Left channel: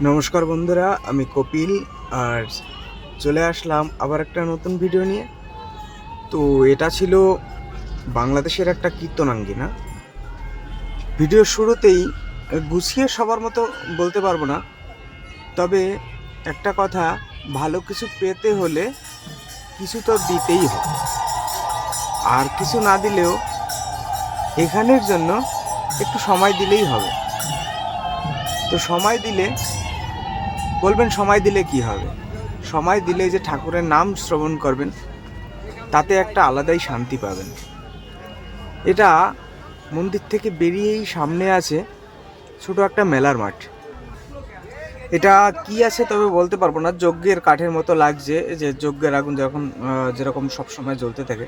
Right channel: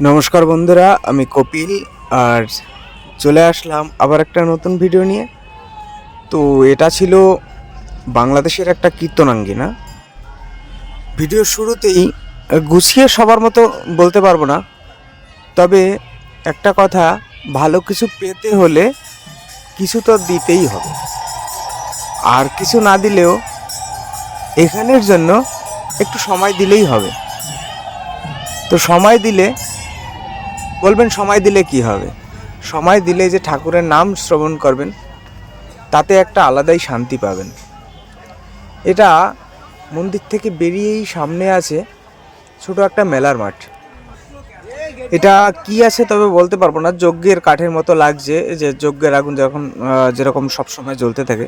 নমস্কার বন্ধুরা, আমি কপিল আর চলে আসলাম আবার একটা নতুন ভিডিও নিয়ে। তো এটা ছিল বাংলাদেশের একটা কীর্তনাঙ্গিনা। ভিডিওর শুরুতেই গুছিয়ে সবার মতো বলতে পারবো না, তবে একটা কথা, ভালো কিছু পেতে হলে কিছু তো দিতেই হবে, আর কিছু না দিলেও এখানের জন্য একটু সময় দিলেই হবে। তো সময় দিলে বলবেন সময় দিলে কি হবে? সময় দিলে যে ঠাকুরের নাম শ্রবণ করবেন, তাতে একটা আলাদাই শান্তি পাবেন। এটা মন্দির থেকে বেরিয়েই সামনে আছে ছোট একটা মেলার মাঠ। এটা কি আছে তবে বলতে পারবো না। যজ্ঞের কাঠের মতো লাগছে, যে যজ্ঞের আগুন যখন যেরকম সবসময় জ্বলতে থাকে,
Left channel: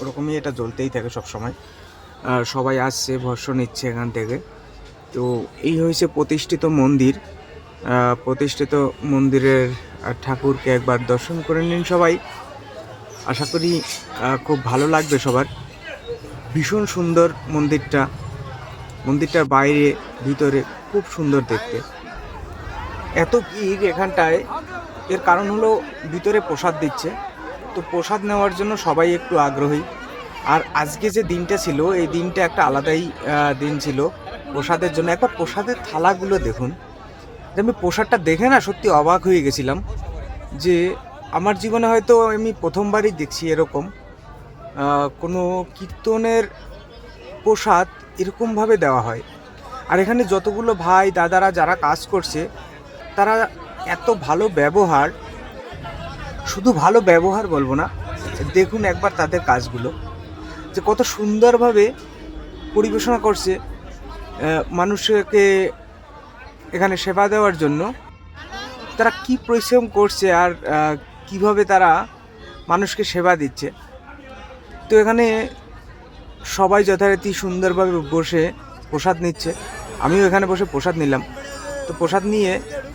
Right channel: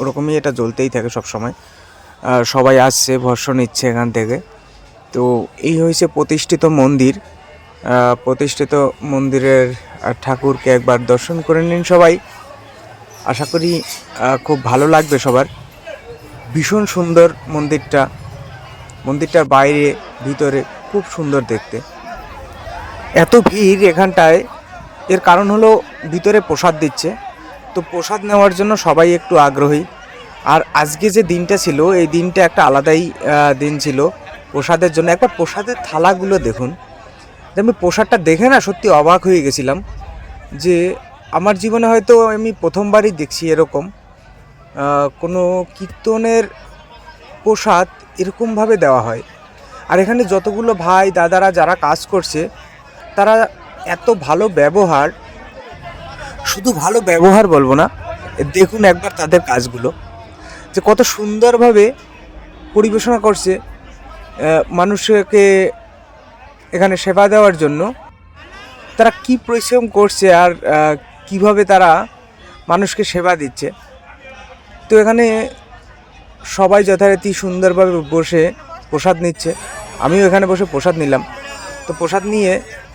ওরকমই এটা জ্বলতেই থাকে সবসময়। সবাই আসছে, ভস্ম নিচ্ছে এখান থেকে। তো এই হয়েছে প্রতিষ্ঠিত মন্দির। প্রতিষ্ঠিত মন্দিরের ঠাকুরকে একবার দর্শন করে নিন সবাই। আশা করি খুব ভালো লাগবে সবার। ভীষণ সুন্দর মন্দিরটা। মন্দিরটার বাইরে ভিতরে খুব সুন্দর দেখতে। এত ভিড় এখানটায়, এর কারণ হলো ভিতরে প্রসাদ দিচ্ছে। তো প্রসাদ নেওয়ার জন্য সবাই একটু আগ্রহী। আর আজকে যে দিনটা ছিল, এই দিনটা একটা আলাদাই দিন ছিল প্রসাদের জন্য। একটা প্রসাদের থালাগুলো দেখুন, আমি প্রসাদটা দেখে না সত্যি অবাক হয়ে গেছিলাম, যে আমার জীবনে হয়তো আমি প্রথমবারই দেখছি এরকম কোনো কীর্তনের প্রসাদ এরকমভাবে দেওয়া হয়। আর এখানে যতগুলো ভাই দাদারা যারা কাজ করছে, তারা এত ভালো ব্যবহার, শুধু ভালো ব্যবহার বলবো না, দেখুন একবার তাদের কাজগুলো, যে কত সুন্দরভাবে পরিবেশনা করছে মানুষকে এখানে সেবা দেওয়ার জন্য। তারা কি পরিশ্রম করছে আর কিভাবে তারা মানুষকে সেবা দিচ্ছে। তো এখানে সবাই যথারীতি সুন্দরভাবে বসে প্রসাদ নিচ্ছে। আমিও এখানে বসে প্রসাদ নিলাম। তো প্রসাদ নিয়ে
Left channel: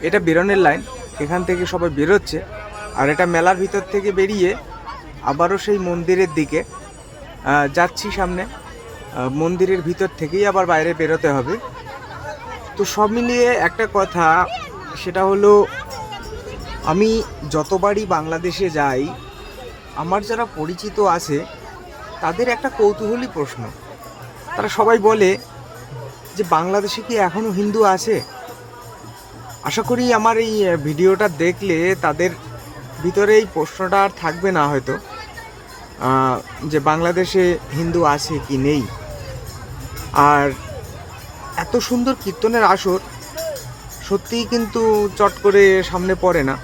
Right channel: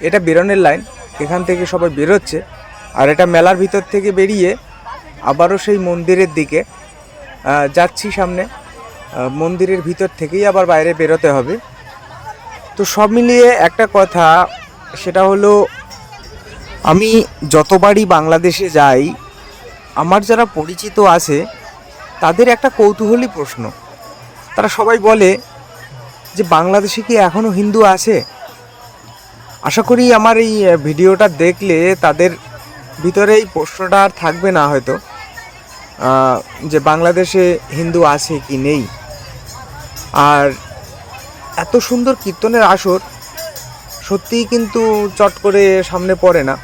এটা বেরোনোর লাইন, এখান থেকে সবাই বেরোচ্ছে। আর এটা মেলার ভিতর থেকে বেরিয়ে আবারও সেই মন্দিরের দিকে যাচ্ছি সামনে। মন্দিরের ভিতর থেকেই আবার বাইরে বেরোতে হবে। তো সব মিলিয়ে একটা কথা, সেটা হলো আমি যতবারই বাংলাদেশে যাই, আমার যারা পরিচিত আছে তাদের একটা কৌতূহলী প্রশ্ন। তারা সবাই বলে যে বাংলাদেশে কি এখনও হিন্দু আছে? আশা করি আমার এই ভিডিওটা দেখলে তাদের ভিতরে এই প্রশ্নটা আর থাকবে না হয়তো, যে বাংলাদেশে হিন্দু আছে কি নেই। আর এত সুন্দর কীর্তনের আসর সত্যিই কিন্তু চট করে সামনে পড়ে না,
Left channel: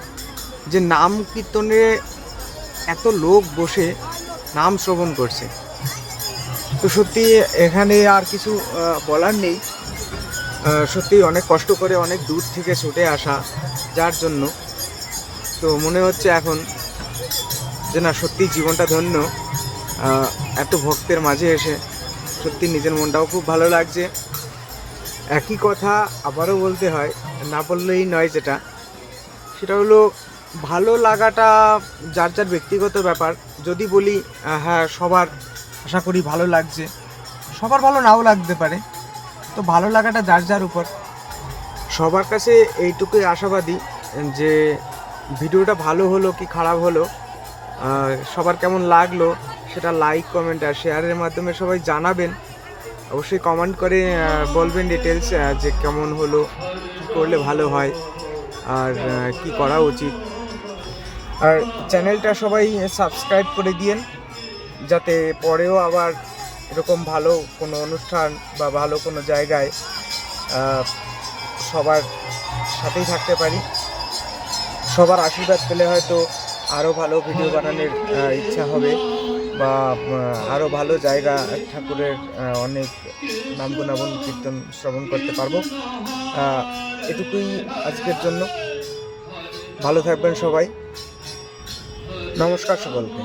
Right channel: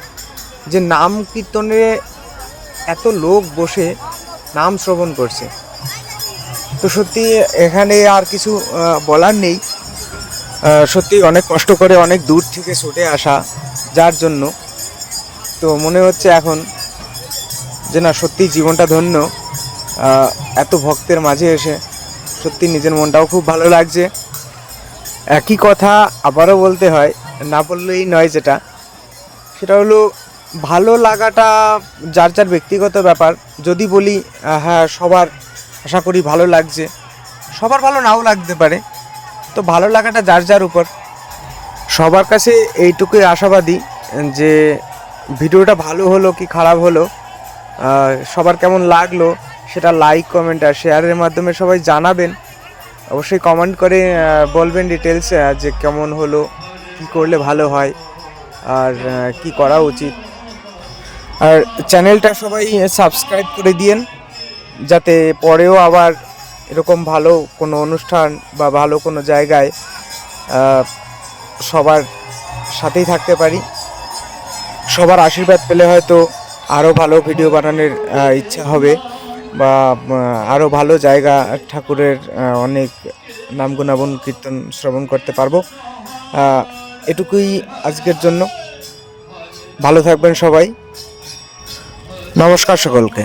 যে নাম কীর্তনে এত লোক বসে নাম শ্রবণ করছে। তো সত্যি এখানে আর কিছু বলার নেই। সত্যি অনেক কষ্ট করে অনেক দূর থেকে ছুটে আসা যার জন্য, তো মনে হচ্ছে এখন যে না, সত্যি জীবনটা ধন্য। এত ভক্তের মাঝে এসে সত্যি নিজের মনটাও খুব ভালো লাগছে। একই কথা আবারও বলতে হয়, না বললেই নয়, সেটা হলো ভালো লাগাটা যার যার ব্যক্তিগত ব্যাপার। যদি বলি হ্যাঁ সবার আশা করি ভালো লাগছে, সবার ভালো নাও লাগতে পারে। তো ভালো লাগাটা যার যার উপর। সবার কাছে এইটুকুই আশাবাদী যে ভিডিওটা ভালো হলো কি খারাপ হলো, সবার কেমন লাগলো সেটা লাইক, কমেন্ট আর শেয়ারের মাধ্যমে সবাই জানাবেন। অবশ্যই কমেন্ট করে বলবেন ডিটেলস, যে কেমন হলো, কী করলে ভালো হয় আর কি করা উচিত। আর চ্যানেলটা সবাই সাবস্ক্রাইব করে দিয়েন, যাতে পরেও আবার এরকম ভালো কোনো অনুষ্ঠান বা ভালো কোনো জায়গায় সবার সাথেই থাকতে পারি। সবার আশীর্বাদ পেলে হয়তো আরও ভালো ভিডিও বানানোর ইচ্ছা হবে, বা আরও ভালো জায়গা ঠাকুরের অনেক নাম গুণাবন কীর্তন শ্রবণ করতে পারবো। এটুকুই আজকের জন্য। ভালো থাকবেন সবাই। নমস্কার সকলকে।